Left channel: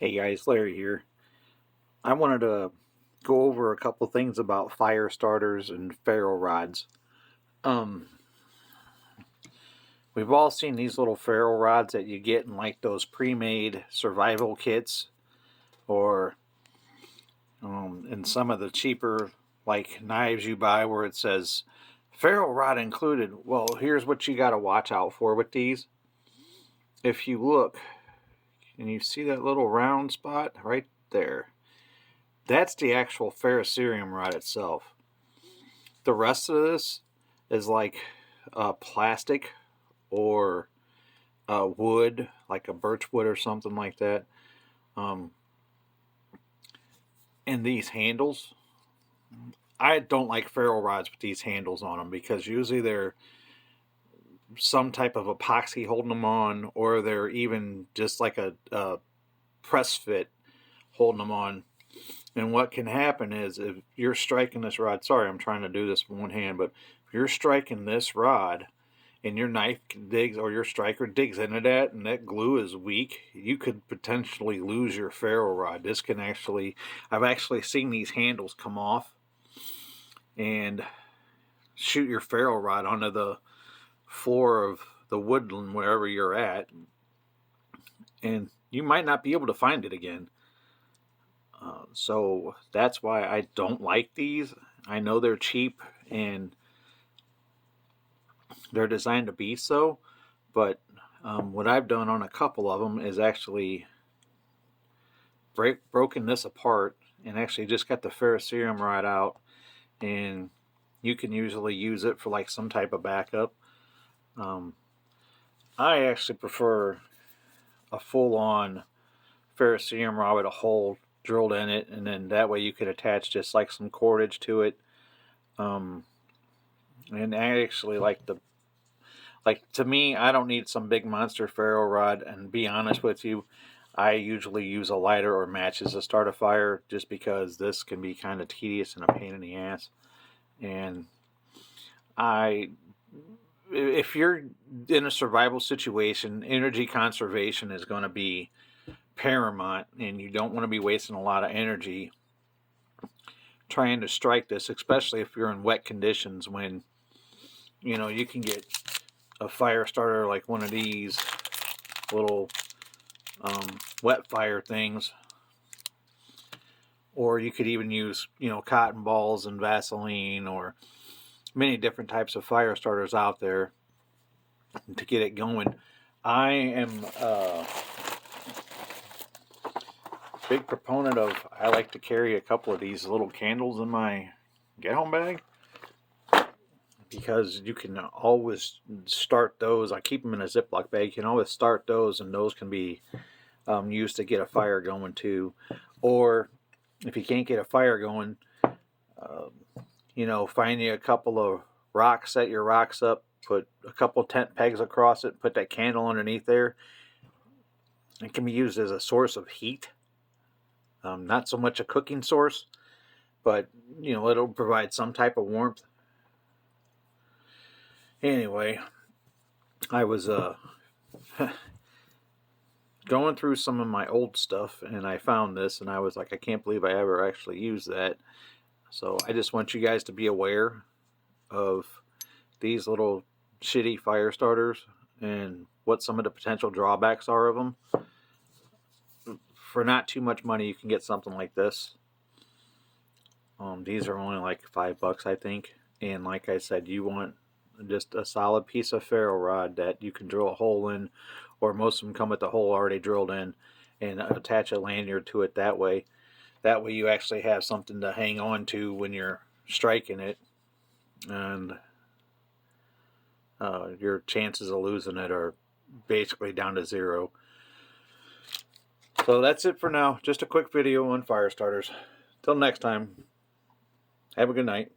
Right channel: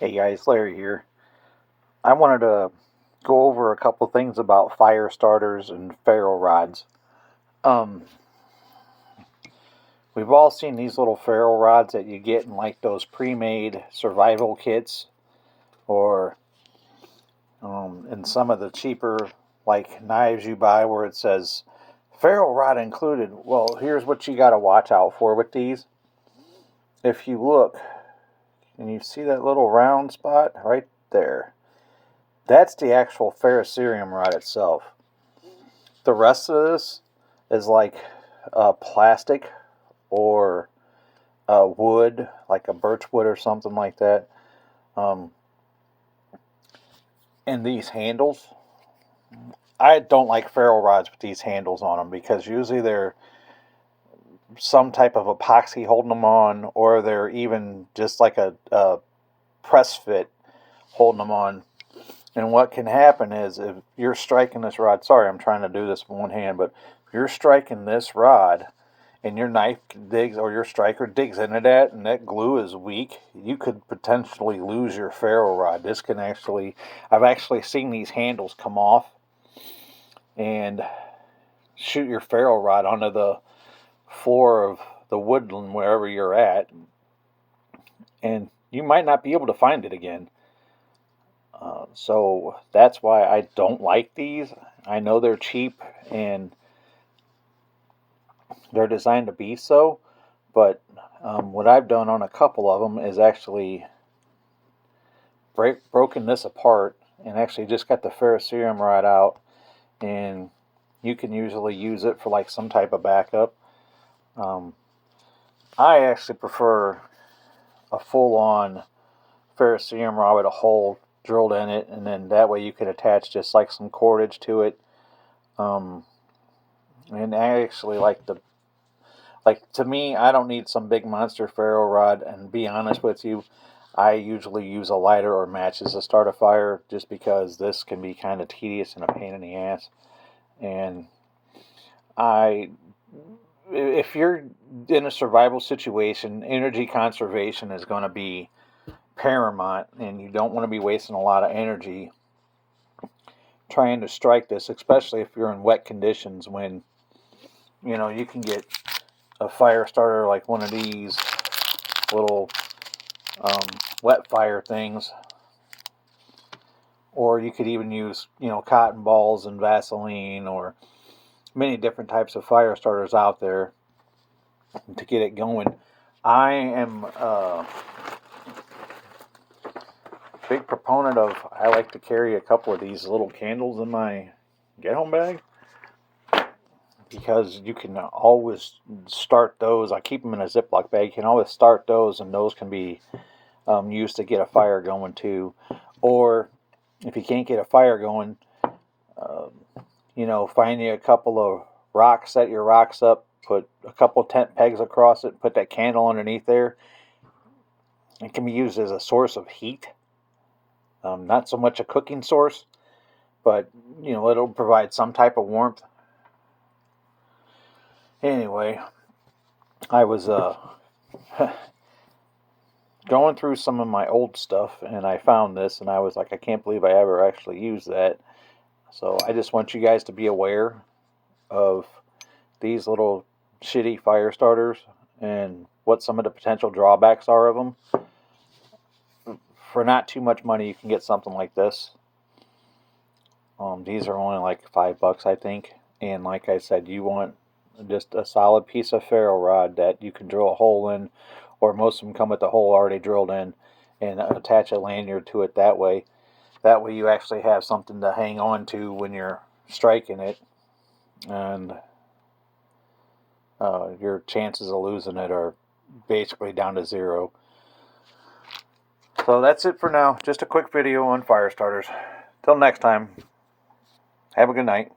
Hey guys, Larry here. I wanted to go over a couple things about fire starters and ferro rods. Um, we've all seen these little ferro rods that you get in like those pre-made survival kits, or in some of the cheaper like knives you buy where it says ferro rod included. Well, here's what you got to watch out for with these. If you look and you see that little round spot right there, that's the actual ferrocerium rod itself. The rest of this is like plastic or wood, like a birch wood or something like that. Um, and these handles, I don't like ferro rods with these handles on them because usually they're some type of epoxy holding them on, or they're even just like a press fit holding them on. And what can happen is if you're striking this rod, sorry, I'm trying to do this with one hand, but if you're striking this rod and your knife digs or your striker digs into that and that glue is weak, you could potentially lose your ferro rod. This can actually, I've actually seen these handles come off and shoot your ferro rod onto the floor of the woodland wherever you're at, and you might not be able to find it again. So that's why I don't like these. I know they're cheap and they're designed to be so, but what I've done on a couple of them is actually broken this apart and actually just got the ferrocerium rod out, and you can usually use it for like some type of backup. I actually prefer a full-on ferrocerium rod with a hole drilled in it, and then that way you can attach just like some cordage to it. And I actually like to me, I don't need some big monster ferro rod, and be honest with you, I usually use a lighter or matches to start a fire just because this can be kind of tedious and a pain in the ass. And I if you're in a survival situation, energy conservation is going to be paramount, and you don't want to be wasting a lot of energy trying to strike this, especially if you're in wet conditions when you can get a fire starter like one of these little wet fire things, or you could even use cotton balls and Vaseline or many different types of fire starters out there to get it going. I am a big proponent of, I like to carry a couple of these little candles in my get home bag because you can always start those. I keep them in a Ziploc bag. You can always start those, and those can be used to get a fire going too. Or if you can't get a fire going, find you a couple of rocks, set your rocks up, put a couple tent pegs across it, put that candle underneath there. It can be used as a source of heat. Not so much a cooking source, but it'll provide some type of warmth. Anyway, I was going through some of my old stuff and I found this, and I was like, I can't believe I ever actually used that. So I just want you guys to be aware of these little shitty fire starters and what some of the potential drawbacks are of them. For not too much money, you can get something like this. These are only like $5, I think. And like I said, you want just a solid piece of ferro rod that you can drill a hole in, or most of them come with the hole already drilled in, and attach a lanyard to it that way. That way you actually have something to hang on to when you're striking it, and your chances of losing it are basically down to zero. So that's it for now. Just a quick video on fire starters. Till next time, have a good night.